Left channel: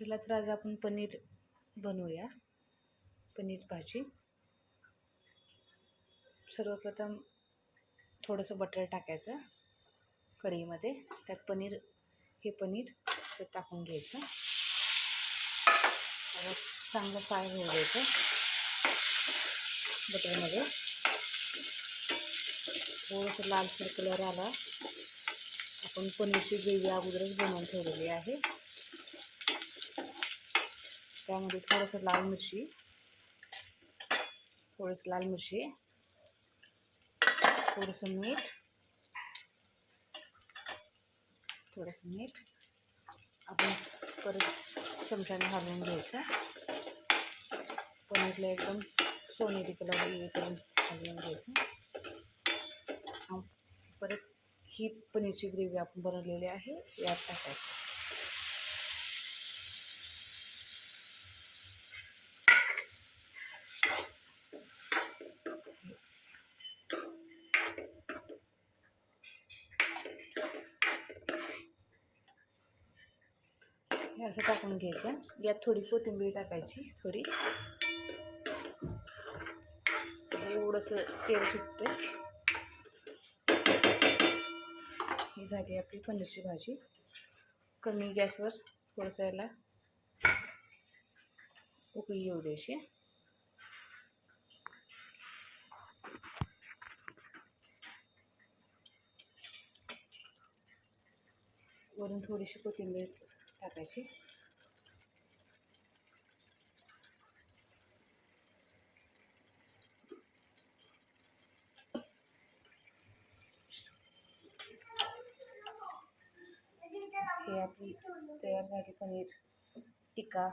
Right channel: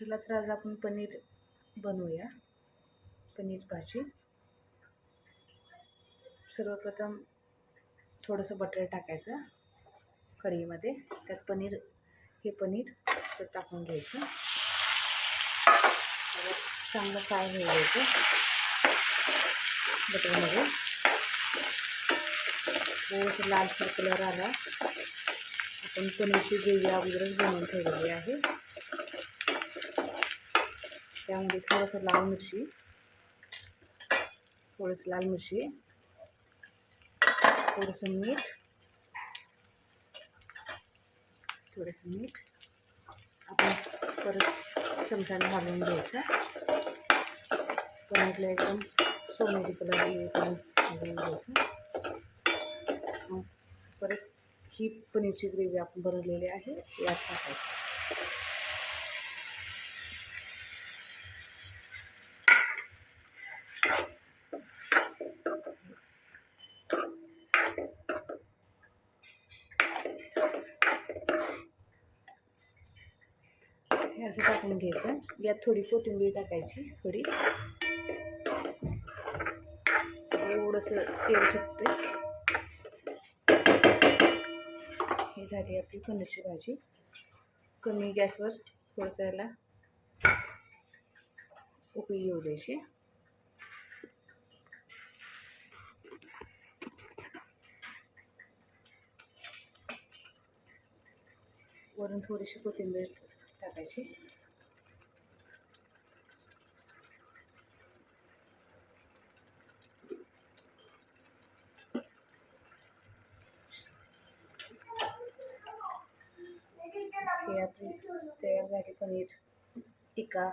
चला तर आज आपण पनीर बनवूया, पनीर भाजी. सर्वप्रथम थोडंसं बटर टाकायचं कढईमध्ये. त्यात हे पनीर टाकून घ्यायचं. चांगलं फ्राय होऊ द्यायचं बटरमध्ये. थोडंसं लालसर कलर आला. आपण पनीरची ग्रेव्ही अगोदरच बनवून ठेवलेली आहे. त्यामध्ये थोडंसं लाल मिरची, थोडंसं मीठ आपण परत चमच्याने घालून घ्यायचं. पनीरला एकदम सोनेरी कलर येऊन घालून घ्यायचं. परत ही पनीरची ग्रेव्ही आपण बनवलेली आहे यात टाकायची. हे असं टाकून घ्यायचं. यात थोडी कोथिंबीर टाकायची, थोडंसं तेल सुटते. ही झाली आपली पनीरची भाजी. कमी गॅसवर थोडंसं याला उकळी येऊ द्यायची. वरून थोडीशी कोथिंबीर टाकायची. हे आपली तयार झाली पनीर टिक्का